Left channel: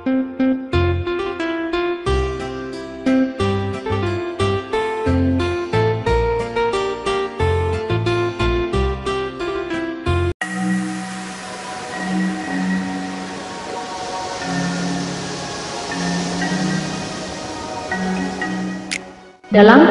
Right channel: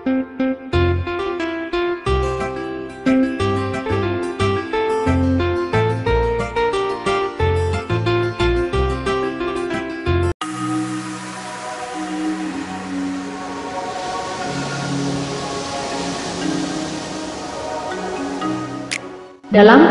Dalam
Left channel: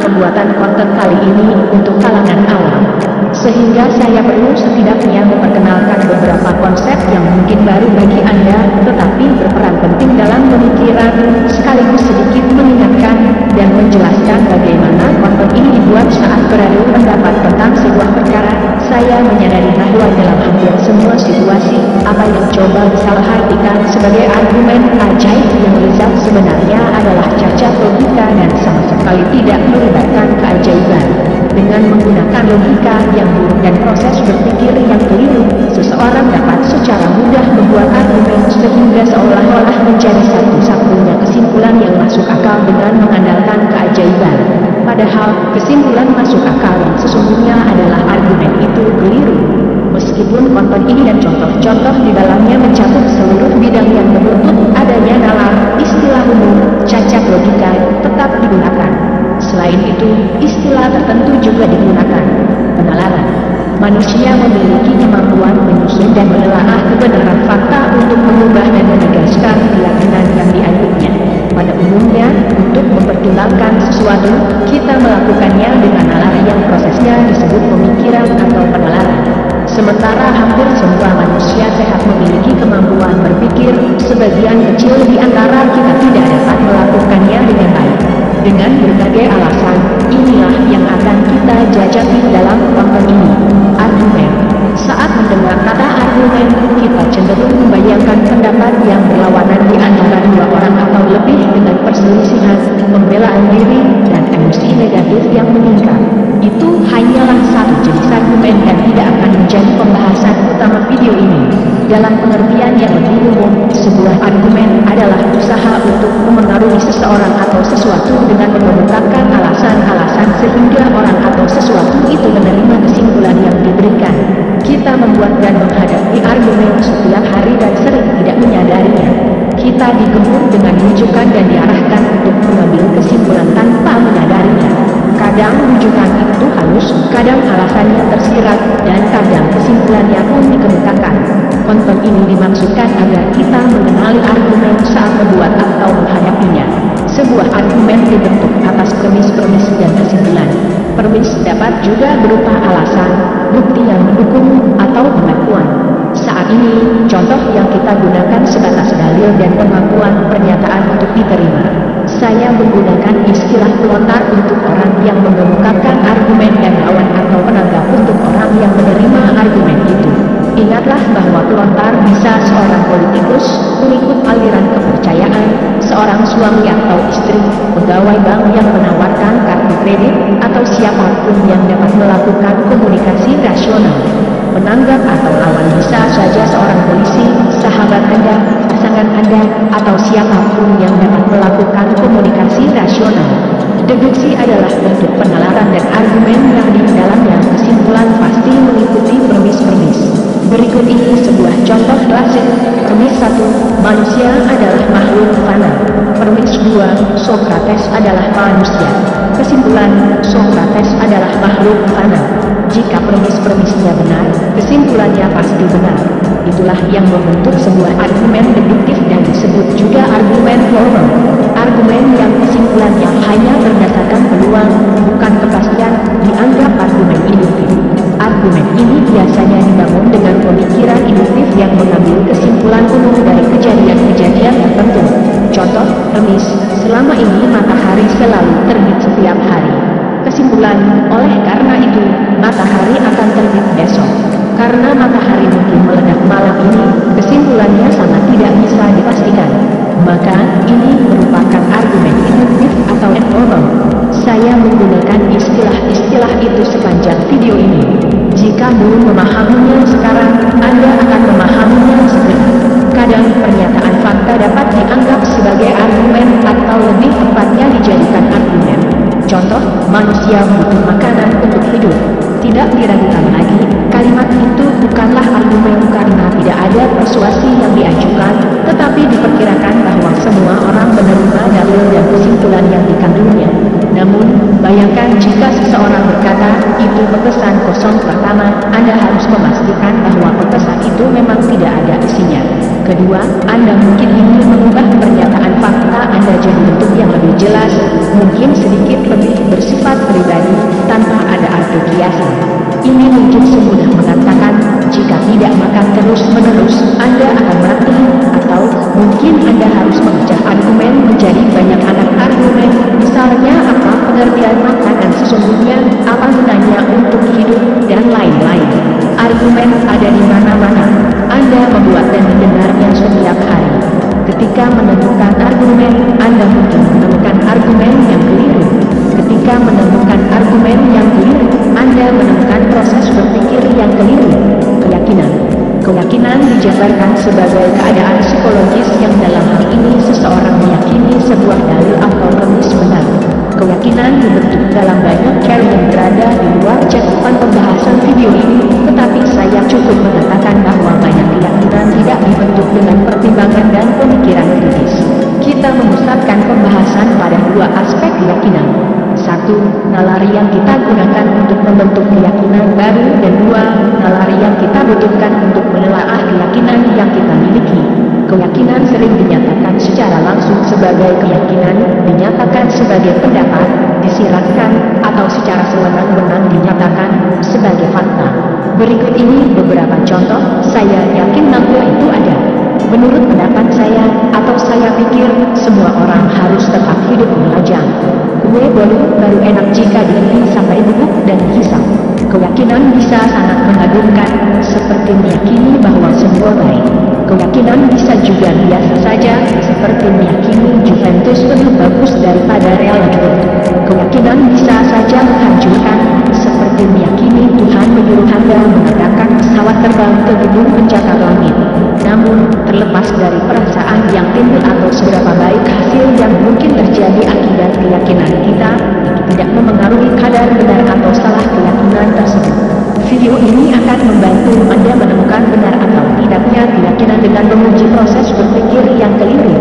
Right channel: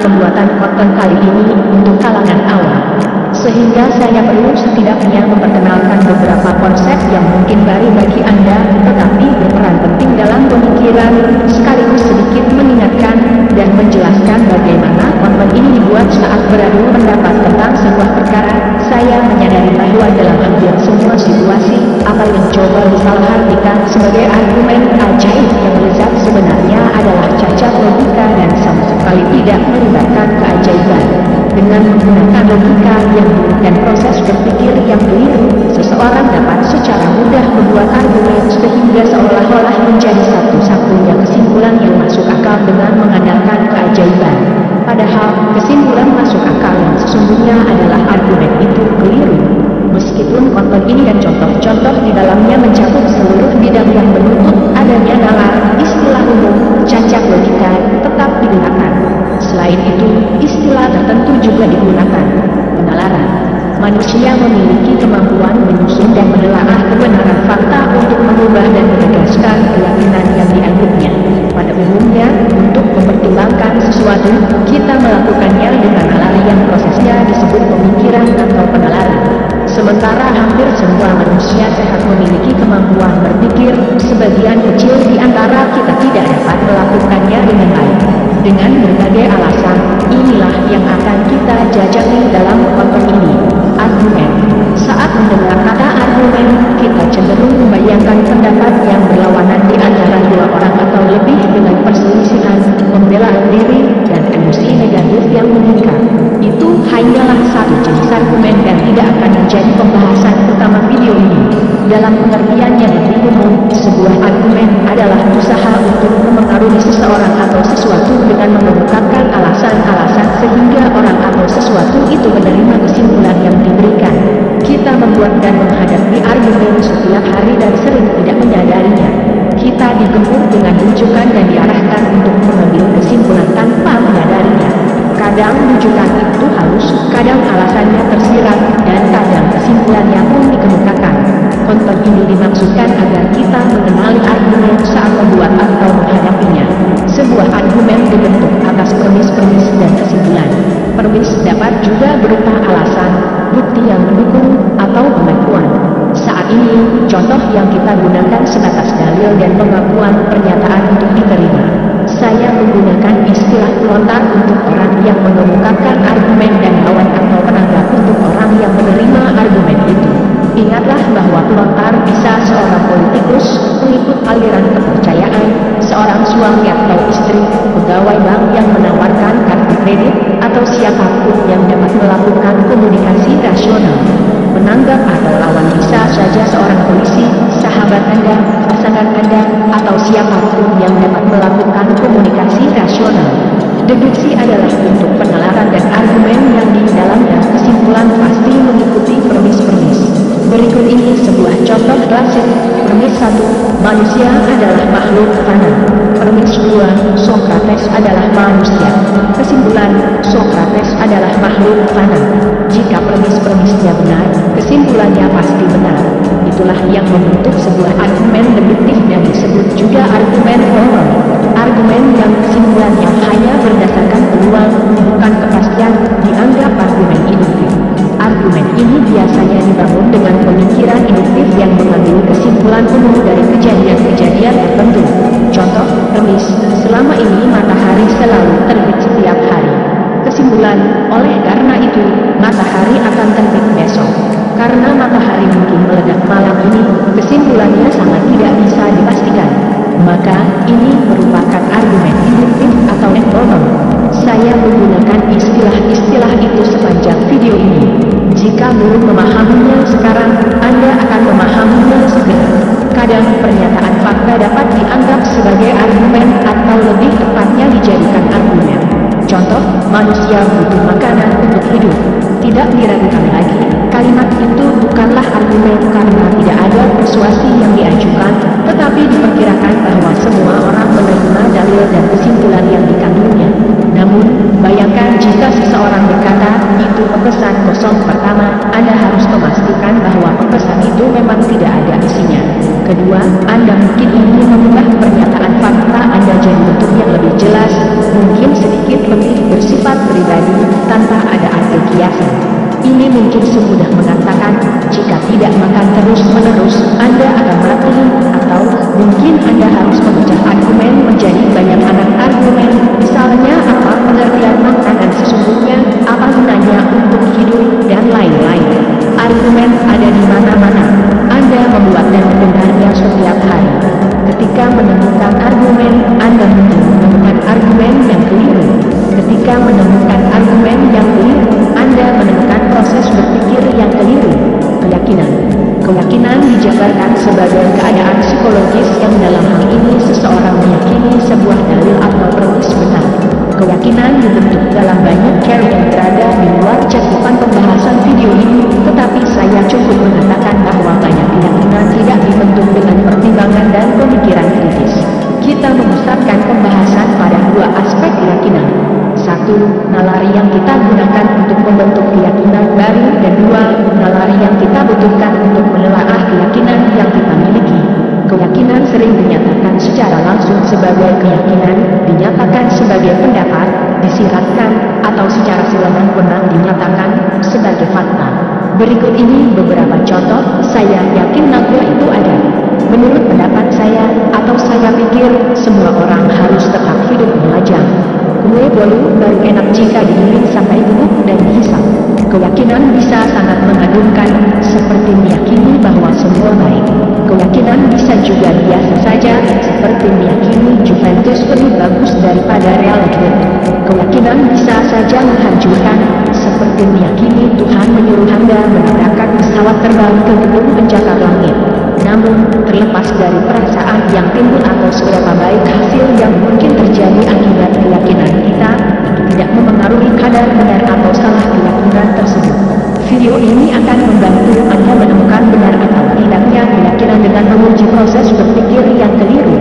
pembuatan konten kali ini untuk kalangan awam, sehingga saya perlu setidaknya memperkenalkan beberapa konsep yang mungkin baru bagi Anda, tetapi berperan penting dalam pemikiran, sekaligus sedikit mengingatkan dan menjelaskan bagaimana konten ini dibuat saat beradu pendapat tentang sebuah perkara. Saya menyadari bahwa dalam hampir semua situasi, apa yang coba disalahartikan sebagai argumen ajaib yang lezat sebenarnya adalah cacat logika dan sama sekali tidak melibatkan keajaiban. Dengan menggunakan logika yang buruk dan proses berpikir yang keliru, seseorang dapat secara mudah membuat argumen sehingga seolah-olah menjadi satu-satunya kesimpulan yang masuk akal dengan mengandalkan keajaiban. Padahal, kesimpulan masuk akal yang sesungguhnya adalah argumen itu keliru. Meskipun konten ini dan contoh-contoh di dalamnya mencakup seluruh bidang yang menuntut adanya nalar, istilah umum, cacat logika tetap digunakan. Selain itu, istilah tertentu juga digunakan. Penalaran. Manusia memiliki kemampuan menyusun dan menelaah kebenaran fakta untuk mengubah dan menegaskan keyakinan yang dianutnya. Pada umumnya, untuk mempertimbangkan sesuatu, kita melakukannya dengan nalar yang prosesnya disebut pemikiran atau penalaran. Sementara hampir semua manusia sehat memiliki kemampuan berpikir, sebagian kecil di antara kita tidak dapat melakukannya dengan baik. Dengan berbagai alasan, inilah yang akan kita jajaki dalam konten ini. Argumen. Saat mendengar kata argumen, kita cenderung membayangkan pendapat yang berlawanan di antara dua orang atau lebih dengan perselisihan, pembelaan diri, dan emosi negatif yang meningkat. Itu hanyalah satu jenis argumen dan tidak akan menjadi pembahasan utama video ini. Dalam pengertian yang lebih umum, sebuah argumen adalah usaha untuk memengaruhi seseorang atau sesuatu dengan mengemukakan alasan-alasan sehingga orang atau sesuatu itu menerima kesimpulan yang diberikan. Kita membuat dan menghadapi argumen setiap hari dan sering tidak menyadarinya. Kita digempur dengan rujukan dan diarahkan untuk mengambil kesimpulan tanpa menyadarinya. Kadang rujukan itu halus, kadang alasannya tersirat, dan kadang kesimpulannya pun dikemukakan. Konten ini dimaksudkan agar kita mengenali argumen saat membuat atau menghadapinya. Sebuah argumen dibentuk atas premis-premis dan kesimpulan. Premis dapat juga berupa alasan, bukti yang mendukung, atau pengakuan. Saat ini, contoh yang kita gunakan sebatas dalil dan pengakuan pernyataan untuk diterima. Saya menggunakan istilah pelontar untuk orang yang mengemukakan argumen dan lawan atau penanggap untuk orang yang menerima argumen itu. Ingatlah bahwa pelontar bisa seorang politikus, pengikut aliran kepercayaan, seorang suami atau istri, pegawai bank yang menawarkan kartu kredit, atau siapapun yang dapat melakukan komunikasi rasional. Penanggap atau lawan bisa saja seorang polisi, sahabat Anda, pasangan Anda, atau siapapun yang dapat melakukan komunikasi rasional. Deduksi adalah bentuk penalaran dan argumen yang di dalamnya kesimpulan pasti mengikuti premis-premis. Berikut ini sebuah contoh klasik. Premis 1, manusia adalah makhluk fana. Premis 2, Sokrates adalah manusia. Kesimpulan, Sokrates adalah makhluk fana. Jika premis-premisnya benar, kesimpulannya pasti benar. Itulah yang membentuk sebuah argumen deduktif dan disebut juga argumen formal. Argumen yang kesimpulannya hanya berdasarkan peluang, bukan kepastian, dianggap argumen induktif. Argumen ini biasanya dibangun dengan pemikiran induktif yang mengambil kesimpulan umum dari kejadian-kejadian tertentu. Contoh, premis, selama ini matahari selalu terbit setiap hari. Kesimpulan, oleh karena itu, matahari akan terbit besok. Karena matahari mungkin meledak malam ini, kesimpulannya sangat tidak bisa dipastikan. Maka, ini merupakan argumen induktif atau informal. Saya menggunakan istilah-istilah itu sepanjang video ini. Jika belum memahaminya sekarang, Anda akan memahaminya segera. Kadang pernyataan fakta dapat dianggap sebagai argumen atau lebih tepatnya dijadikan argumen. Contoh, manusia butuh makanan untuk hidup. Tidak diragukan lagi, kalimat itu bukanlah argumen karena tidak ada persuasi yang diajukan, tetapi diperkirakan bahwa semua orang menerima dalil dan kesimpulan yang dikandungnya. Namun, bayangkan jika seseorang berkata, itu pepesan kosong. Pertama, Anda harus memastikan bahwa pepesan itu memang tidak ada isinya. Kedua, Anda mungkin ingin mengubah pernyataan fakta Anda jadi bentuk yang lebih jelas, mungkin sedikit lebih bersifat pribadi, tanpa ada arti kiasan. Ini mungkin semudah mengatakan, jika tidak makan terus-menerus, Anda akan mati, atau mungkin Anda harus memecah argumen menjadi banyak anak argumen, misalnya apa pengertian makanan sesungguhnya, apa gunanya untuk hidup, dan lain-lain. Argumen ada di mana-mana. Anda membuat dan mendengarnya setiap hari. Ketika menemukan argumen, Anda mungkin menemukan argumen yang keliru. Ketika menemukan argumen yang keliru, Anda menemukan proses berpikir yang keliru. Keyakinan dijabarkan sebagai keadaan psikologis yang dalam hal ini seseorang meyakini sebuah dalil atau premis benar. Keyakinan dibentuk dalam banyak cara yang berada di luar cakupan pembahasan video ini, tetapi saya cukup mengatakan bahwa banyak keyakinan tidak dibentuk dengan pertimbangan dan pemikiran kritis. Kita memusatkan pembahasan pada dua aspek keyakinan. Satu, nalari yang kita gunakan untuk membentuk keyakinan baru, dan dua, nalari yang kita butuhkan untuk menelaah keyakinan yang kita miliki. Keyakinan sering dinyatakan secara langsung sebagai keyakinan, dinyatakan sebagai pendapat, disiratkan, atau secara sewenang-wenang dinyatakan sebagai fakta. Berikut ini beberapa contoh, saya yakin naga itu ada. Menurut pendapat saya, atau saya pikir, semua orang harus tetap hidup melajang. Kue bolu baru enak jika digiling sampai bubuk dan dihisap. Keyakinan bisa sangat mengagumkan, seperti meyakini bahwa semua baik. Keyakinan bisa juga biasa saja, seperti meyakini Juventus lebih bagus daripada Real Madrid. Keyakinan bisa saja menghancurkan, seperti meyakini Tuhan menyuruh Anda menabrakkan pesawat terbang ke gedung pencakar langit. Namun, terlepas dari perasaan yang timbul atau seberapa baik hasil yang mungkin terjadi akibat keyakinan kita, itu tidak memengaruhi kadar benar atau salah keyakinan tersebut. Video ini akan membantu Anda menemukan benar atau tidaknya keyakinan dengan menguji proses berpikir yang keliru.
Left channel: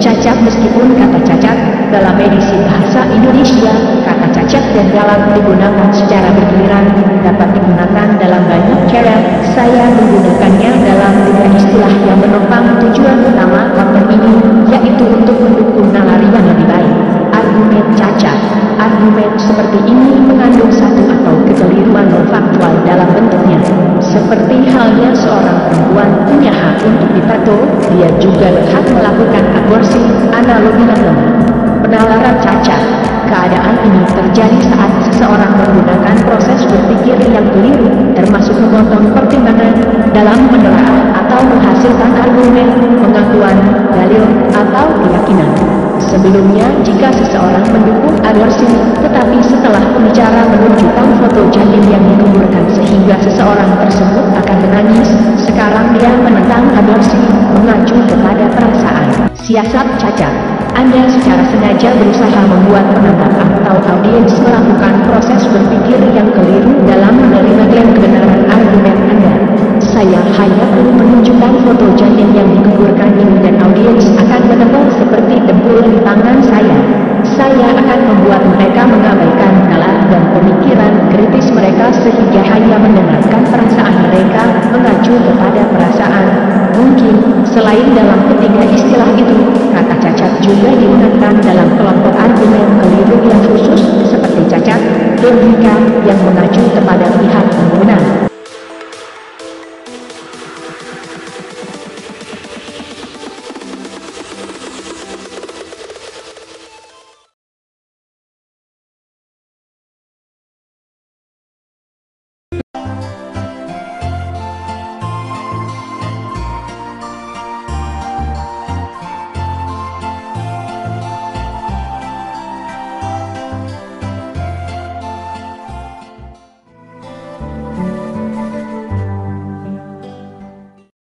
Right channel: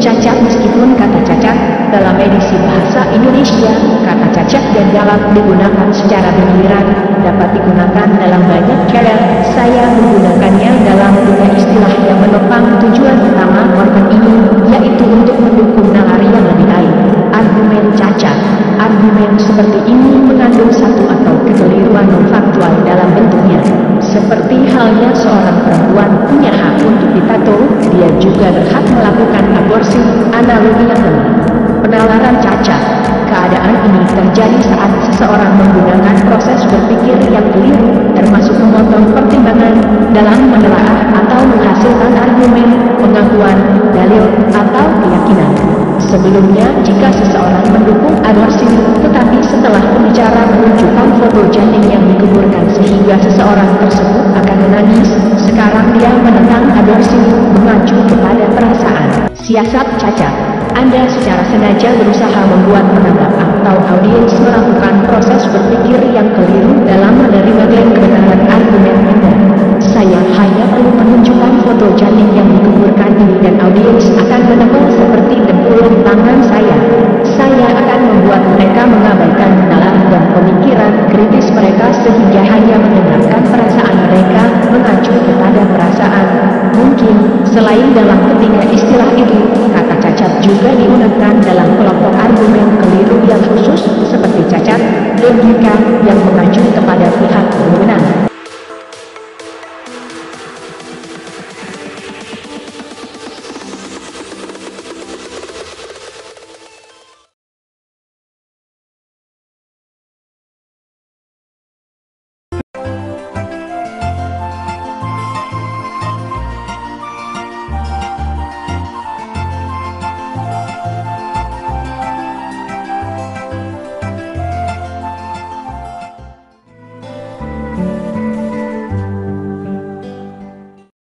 Cacat. Meskipun kata cacat dalam edisi bahasa Indonesia, kata cacat dan galak digunakan secara bergiliran, dapat digunakan dalam banyak cara. Saya menggunakannya dalam tiga istilah yang menopang tujuan utama konten ini, yaitu untuk mendukung nalari yang lebih baik. Argumen cacat. Argumen seperti ini mengandung satu atau kekeliruan non-faktual dalam bentuknya. Seperti halnya seorang perempuan punya hak untuk ditato, dia juga berhak melakukan aborsi, analogi yang lemah. Penalaran cacat. Keadaan ini terjadi saat seseorang menggunakan proses berpikir yang keliru, termasuk memotong pertimbangan, dalam menelaah atau menghasilkan argumen, pengakuan, dalil, atau keyakinan. Sebelumnya, jika seseorang mendukung aborsi, tetapi setelah pembicara menunjukkan foto janin yang dikuburkan sehingga seseorang tersebut akan menangis, sekarang dia menentang aborsi, mengacu kepada perasaan. Siasat cacat. Anda secara sengaja berusaha membuat penanggap atau audiens melakukan proses berpikir yang keliru dalam menerima klaim kebenaran argumen Anda. Saya hanya perlu menunjukkan foto janin yang dikuburkan ini dan audiens akan menempel seperti dempul di tangan saya. Saya akan membuat mereka mengabaikan nalar dan pemikiran kritis mereka sehingga hanya mendengarkan perasaan mereka, mengacu kepada perasaan. Mungkin, selain dalam ketiga istilah itu, kata cacat juga digunakan dalam kelompok argumen keliru yang khusus, seperti cacat logika yang mengacu kepada pihak berwenang.